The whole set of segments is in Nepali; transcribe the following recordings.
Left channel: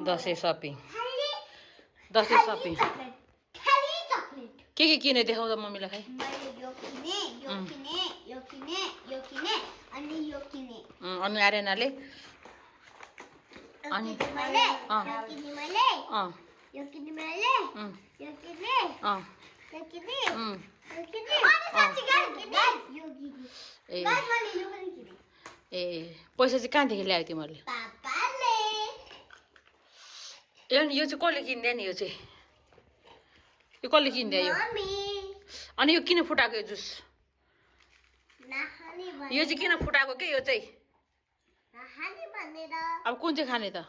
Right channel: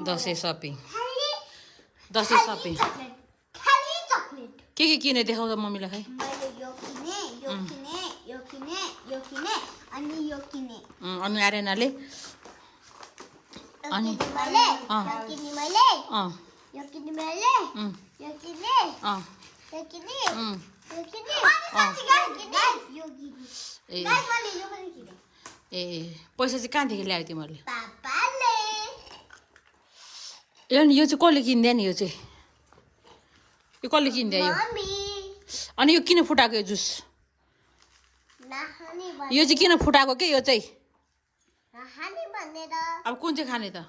दसैँ सपिङ दसैँ सपिङ के किने देखाउँदा मम्मीलाई खै अनि आर्यनाले अनि ए पैसा चाहिँ कहाँदेखि ल्यायो तिमीहरूले यो चाहिँ कसले किनिदियो नि यो चाहिँ यो कसले किनिदियो यो अनि यो किन फुटाएको यो जुस यो चाहिँ किन फुटाएको के यो चाहिँ अब कुन चाहिँ खाने त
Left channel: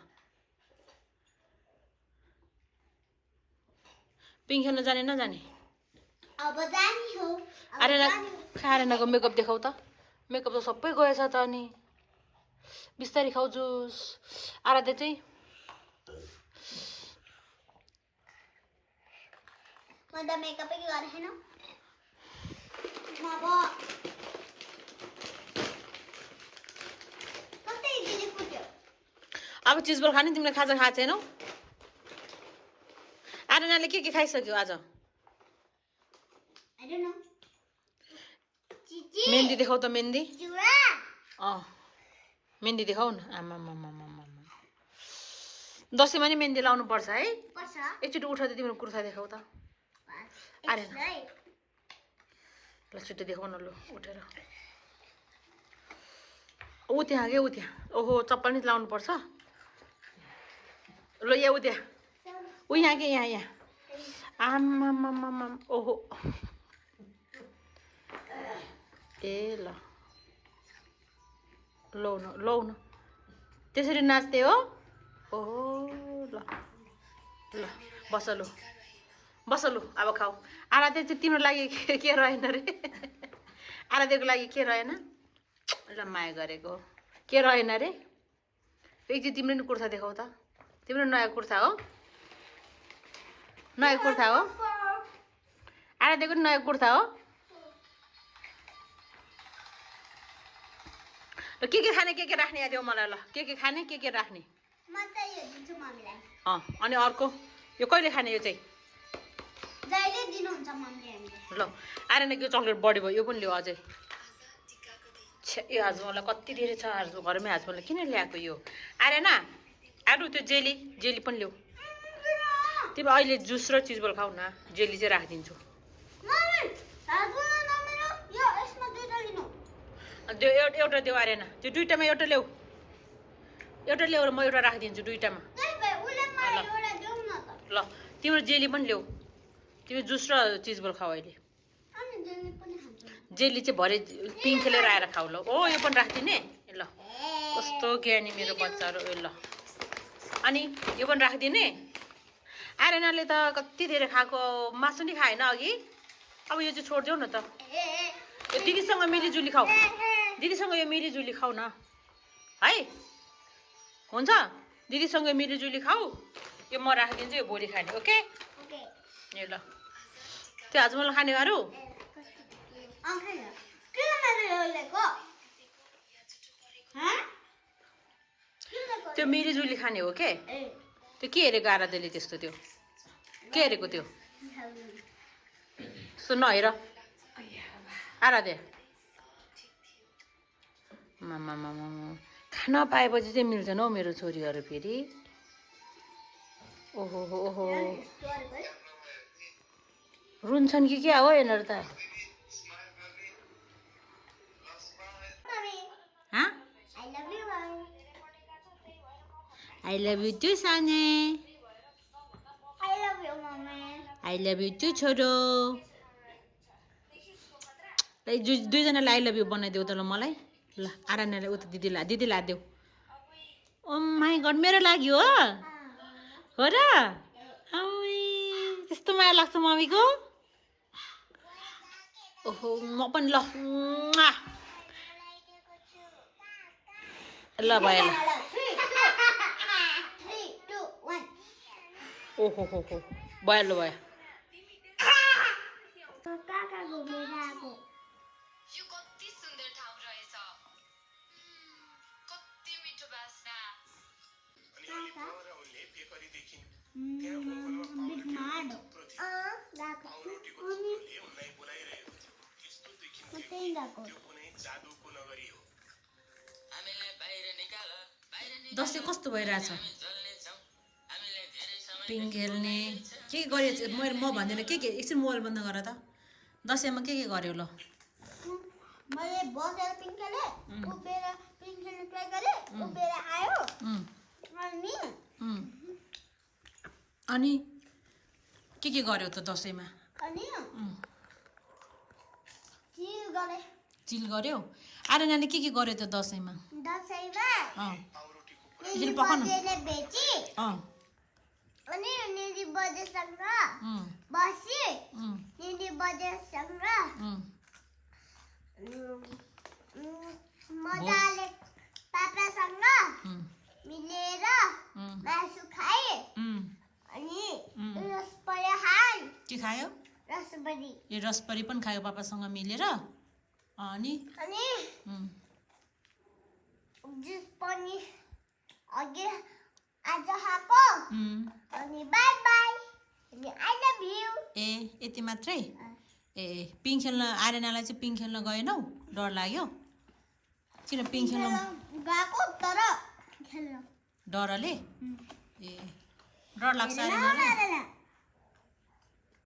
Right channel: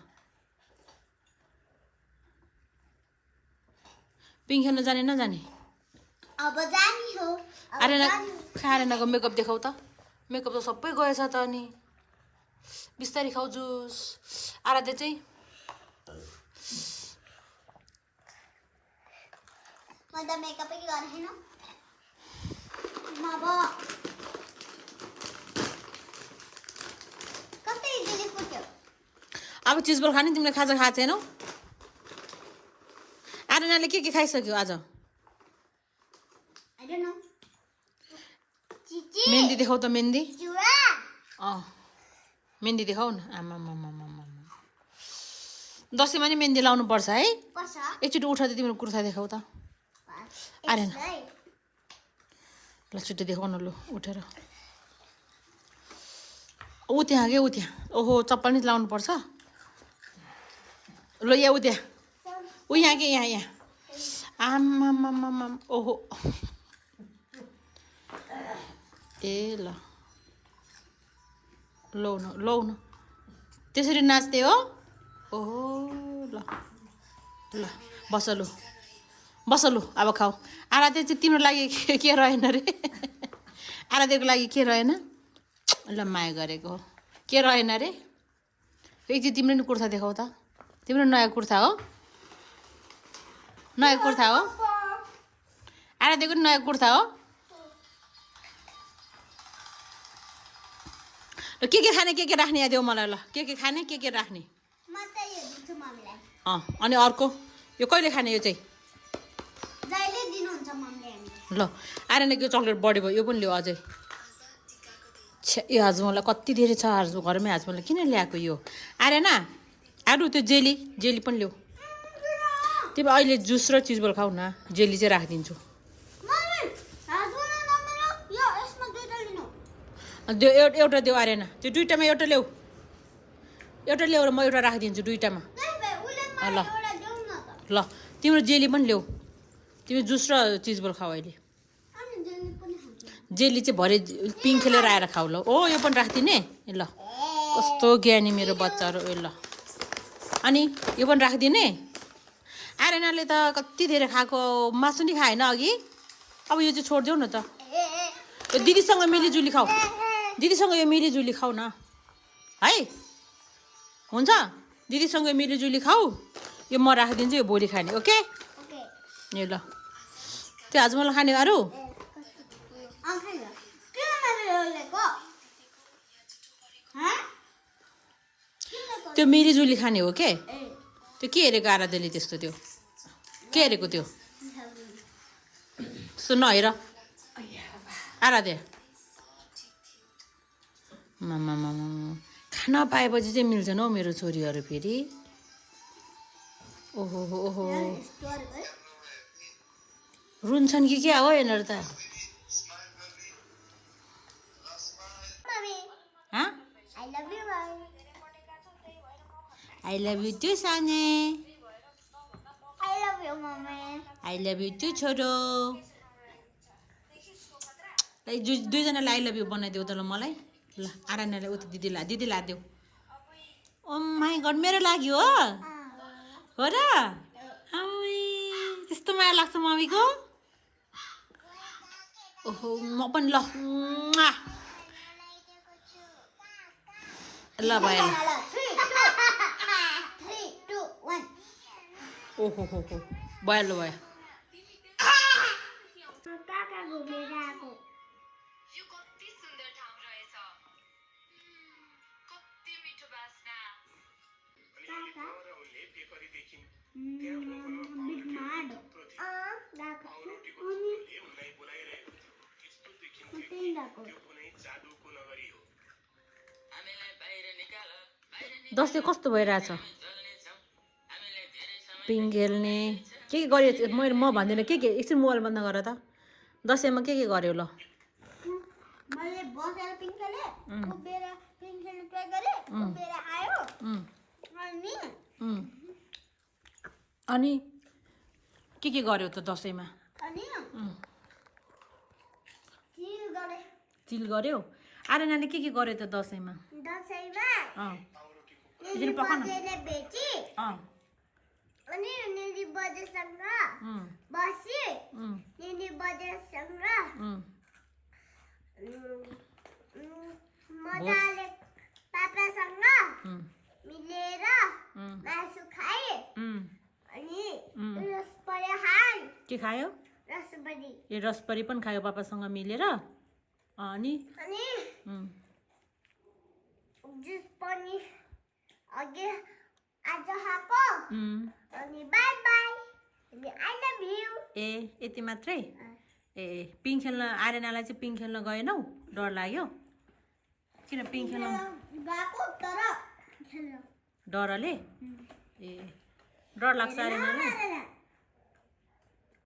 पिङ खेल्न जाने नजाने अब जानी हो आर्यनाको मेकअप देखाउ त मेकअप त सबै गएछ त अनि बिस्तारै खाऊ जुस आराध्य चाहिँ म त मेकअप गरेन कतै दिदी फुट्यो अब चिजबल खाने तिमीले खाजा खाएको छैनौ आर्यनाले के खाइसक्यो आज I don't know. मेहन्दी देखाउ त मेहन्दी जुरा मेहन्दी देखाउ न आमा दसैँमा नि मेहन्दी लाउनु पर्छ है पर्छ एकचोटि उठ त तिम्रो कुर्ता देखाउ त आर्यन ल छिटो देखाउ न लु उठेर ऊ त्यहाँ के ऊ त्यहाँ ओहो चप्पल नि लाउनु पर्छ ल यहाँ ऊ त्यहाँ ऊ यहाँ के यहाँ आमा ओहो ए ल लौ न त्यसरी नाच्ने हो ओहो ल ल बस लु अब खाऊ आराध्य चाहिँ तिम्रो लागि के रहेन रे आराध्यको लागि के रहेन ल माया गरेको के रहेन रे एकचोटि तिम्रो नि कुर्ता देखाउ त तिम्रो नयाँ कुर्ता हो आराध्यको नि नयाँ कुर्ता हो ल के खाने के राख्ने यहाँ देऊ मलाई ल के खाने के राख्ने म त यो दिन्छु मम्मीलाई अनि अर्को यो कहिले खाने यो चाहिँ जहिले दिनुहुन्छ मम्मीले हामीले ल आर्यन यो चक्लेट बढी भयो यो पनि ल्याऊ अझै यो हाजमोला कति धेरै छ घरमै हाजमोला किन ल्याएको यो आर्यन अरू त्यो जेली पनि ल्याऊ तिमी अहिले जुस र चिजबल खाऊ न जेली चाहिँ राखिदिन्छु एउटा देऊ आर्यन त्यो दुईटामा एउटा ल्याऊ र म एउटा राखिदिन्छु दुईटामा ल तिम्रो जेली पनि ल्याऊ तिमी जुस र चिजबल खाऊ अहिले जेली चाहिँ भरे पिङ खेलेर आएर खाऊ ल ओ यो पनि राखिदिने ल कस्तो ज्ञानी मेरो बच्चाहरू ल अनि यो पनि राखिदिने आर्यनले त कति धेरै खाएको मासु नि खाएन अघि अब यो चाहिँ छोडिदेऊ न त दिदीसँग मिलिजुली खाऊ दिदीसँग यो मिलिजुली खाऊ न है हुन्छ दिदीसँग मिलिजुली खाऊ यो म राखिदिन्छु यो भोलि खाने ओके ए ल त्यो हाजमोला खाने अरू त्यो मिलिजुली खाने हो के त्यो के हेरेको आराध्यले त्यस्तो त्यो के हेरेको त्यो सुन्न हेर आराध्य खाना पाएपछि चाहिँ मिल्छन् हौ मेरो छोरीहरू फेरि ओहो रुन्छन् कि क्या हो यिनीहरू त आई लभ यु टु साने आई लभ यु टु छोरो दुईजनालाई आई लभ यु बनाइदेऊ त ल मलाई ल आर्यनलाई उता दिदीलाई देऊ ओ माई गड मेरो लागि हो र त्यस्तो माया लाग्छ मम्मीको ओहो म पनि ल ल भयो ल ओहो हो भयो ल भयो बिट माड गएको अनि त्यही गएको दसैँ कस्तो भइरहेछ पिङ खेल्ने के गरेँ मैले म भन्दिनँ के एकछिन मोबाइल बन्द गर त दसैँमा के गर्यो ल मैले बसेर पिङ खेलेँ उभिएर पिङ खेल्ने ट्राई गरेँ उभिएर आयो अनि के गर्यो त दसैँमा अनि चिल गरेँ चिल गर्यो आर्यनाले के गर्यो त दसैँमा दसैँमा एकछिन पकाउनु बजेले बेची अनि निली बजेसँग बसी निली बजेसँग मजाले पापासँग मिलेर मासु खाए अनि रसपरी खाए के खायो रसपरी ए रसपरी पनि खायो पापासँग मिलेर अनि अनि जुस पनि अघि आज खाएको अनि बाई बाई अनि आई लभ यु ए यति मात्रै ए पिङ खेल्न आर्यनालाई चाहिँ पिङ खेल्न गएनौ डर लाग्यो किन पिङ खेल्न गएको तर खेल्न डरले ए डर लाग्छ आर्यनालाई